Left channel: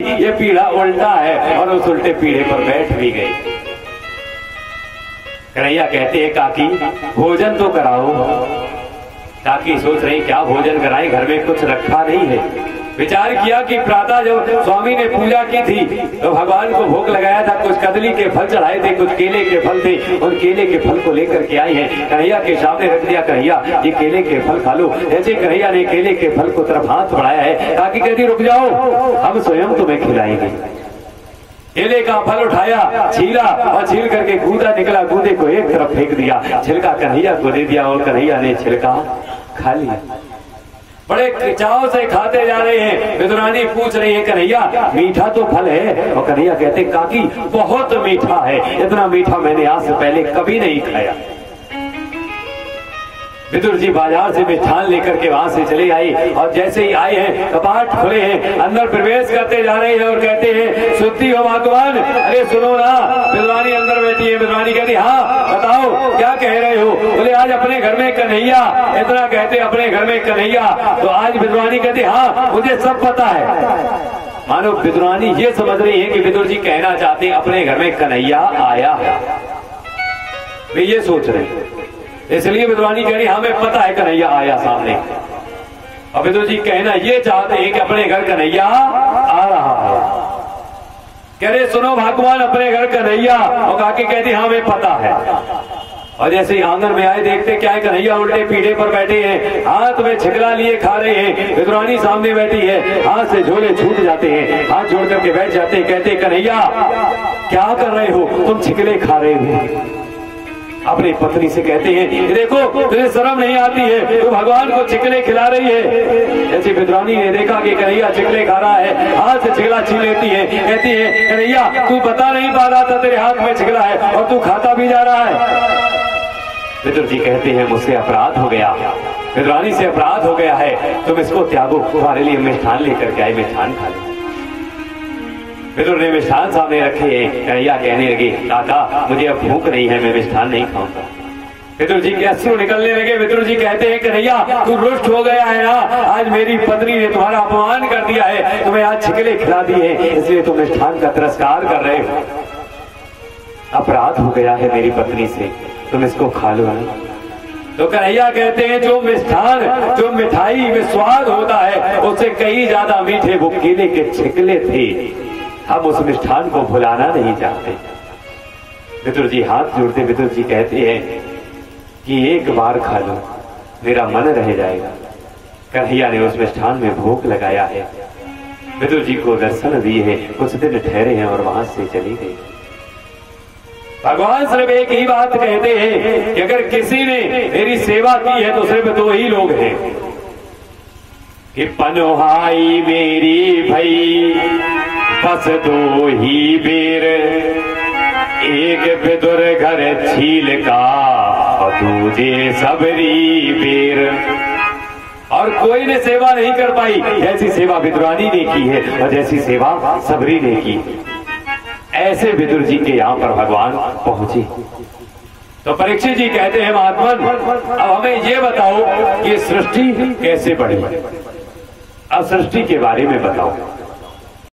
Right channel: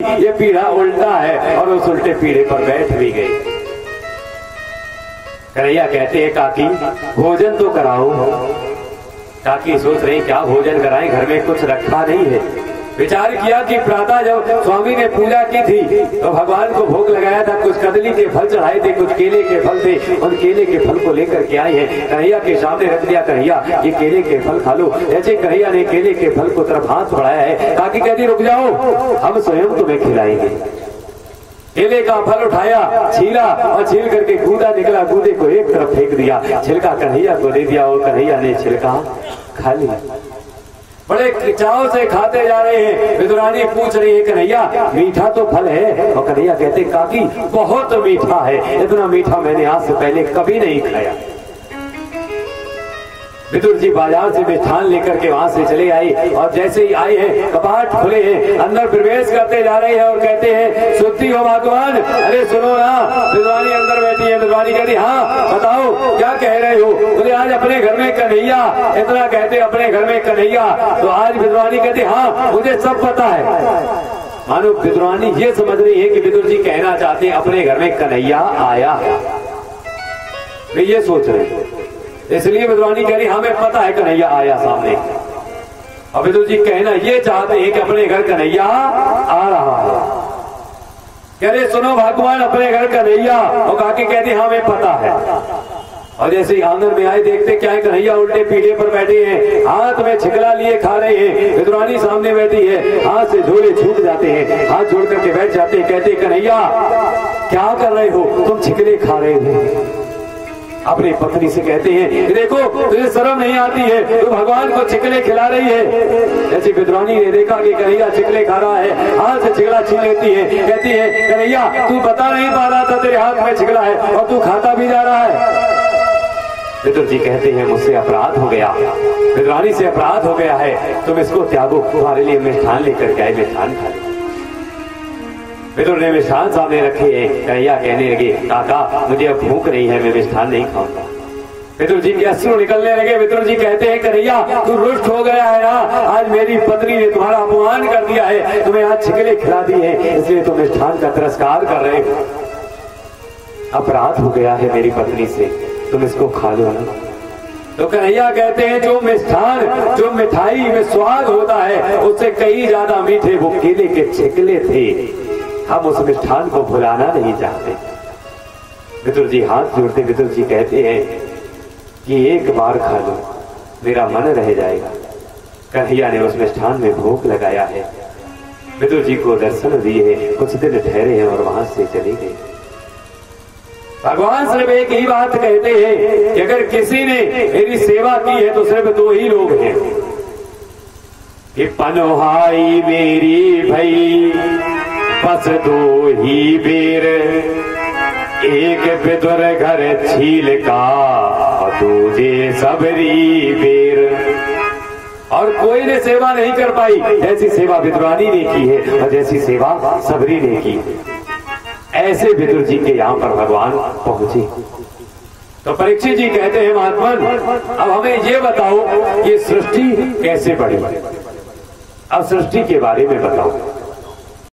ये पीढ़ा उल्टा है और उस उल्टे पीढ़े पर बैठ भी गई। कन्हैया कहते हैं काकी भोजन तो कराओ। काकी सोच रही क्या भोजन कराएं, घर में कुछ रखा नहीं है। विचार किया कि प्रातः जब स्वामी ने पूजा की थी तो भगवान को भोग लगाया था, कुछ कदली के फल चढ़ाए थे, कुछ केले के फल थे। उन केले के फल को लेकर के आए हैं, कन्हैया के सामने रख दिया। कन्हैया ये केले के फल खा लो। जैसे कन्हैया ने केले के फल को तरफ हाथ बढ़ाया है, काकी कहती रुक जाओ, हम स्वयं तुम्हें खिलाएंगे। केले का फल उठाया, छीला और छील करके गूदा निकला, गूदे को एक तरफ फेंक दिया, छिलका कन्हैया को दे दिया और कन्हैया ने छिलका खा लिया। बड़े चाव से खाते जा रहे हैं। विदुरानी पूछ रही है कन्हैया मीठा तो फल है? और कन्हैया कहते काकी बहुत मीठा है, इतना मीठा मैंने आज से पहले कभी नहीं खाया। विदुर जी बाजार से मिष्ठान लेकर के वहां से चले आए और जैसे ही आए हैं कपाट खुले हैं, अंदर प्रवेश करते जा रहे हैं और कहते हैं सुनती हो भगवान? अरे सुनो ना। विदुरानी अंदर बैठी है। विदुरानी कहती हाँ बताओ क्या कह रहे हो? बोले आज अपने घर में कन्हैया, इतना कहते अपने घर में कन्हैया। तो आज विदुरानी कहती हाँ मुझे सब पता है। मानो विदुरानी ये समझ रही है कि विदुर जी कहना चाहते हैं अपने घर में कन्हैया आया है, वे ये सोच रहे हैं। इसलिए विदुरानी कह रही हमें पता है कन्हैया आया सामने। और विदुर जी कहना ये चाहते हैं कि अपने घर कन्हैया आ रहा है। कह रहे सुनो भगवान अपने घर कन्हैया। और काकी कहती हमें पता है। और जैसे ही आंगन में आए देखते क्या है कन्हैया उल्टे पीढ़े पर बैठे हैं, हाथ में छिकला लिए खा रहे हैं। विदुरानी सामने बैठी है, हाथ से झोले छूट जाते हैं, हाथ जोड़ करके बैठ जाते हैं। कहते कन्हैया क्या कर रहे हो तुम, छिकले खा रहे हो। अपनी पत्नी से कहते हैं देखो तुझे शर्म नहीं आती है, तू भगवान को चिकले खिला रही है। जैसे विदुरानी ने देखा कि कन्हैया चिकले खा रहा है, हाथ से चिकला छीन लेती है। कहती है कन्हैया तू बता नहीं पा रहा था तेरे हाथ में चिकला है और तू खाता भी जा रहा है। विदुर जी कहते हैं मुझसे अपराध हो गया, विदुरानी से अपराध हो गया है, तुम इसको त्यागो, तुम्हारे लिए मिष्ठान लेकर के आए, मिष्ठान खा ले। विदुर ने मिष्ठान सामने रखे। कन्हैया कहने लगे काका मुझे अब भूख नहीं है, मैं मिष्ठान नहीं खाऊंगा। विदुर जी के अश्रु निकलने लगे। विदुर जी कहते हैं कन्हैया तू रुष्ट हो गया है ना, आज मेरी पत्नी ने तुम्हारा अपमान कर दिया है, तुम्हें आज छिकले खिला दिए हैं, इसलिए तुम मिष्ठान का तिरस्कार कर रहे हो। अपराध हो गया है मेरी पत्नी से, तुम इसको खा लो। तो कन्हैया कहते हैं जो मिष्ठान, जो मिठाई में स्वाद होता है उससे कई ज्यादा मीठे वो केले के छिकले थे, हम उस मिष्ठान को भुलाना नहीं चाहते। विदुर जी हाथ जोड़ते विदुर जी कहते हैं कि एक बार खा लो, मेरा मन रह जाएगा। कन्हैया ने उस मिष्ठान में भोग लगाया है, विदुर जी को दर्शन दिए, कुछ दिन ठहरे हैं और वहां से चली गई। भगवान सिर्फ एक ही बात कहते हैं कि अगर किसी ने मेरी सेवा की है तो सिर्फ दो ही लोग हैं कि पनोहाई मेरी भई बस दो ही बेर, एक विदुर घर छील का और दूजे सबरी बेर। और कोई ने सेवा नहीं कर पाई जैसी सेवा विदुरानी ने की है और जैसी सेवा सबरी ने की। ऐसे विदुर जी के यहाँ पर भगवान पहुंचे। तो परीक्षित जी कहते हैं महात्मन अब हमें ये बताओ कि सृष्टि कैसे बढ़ी, अब सृष्टि के बारे में बताओ।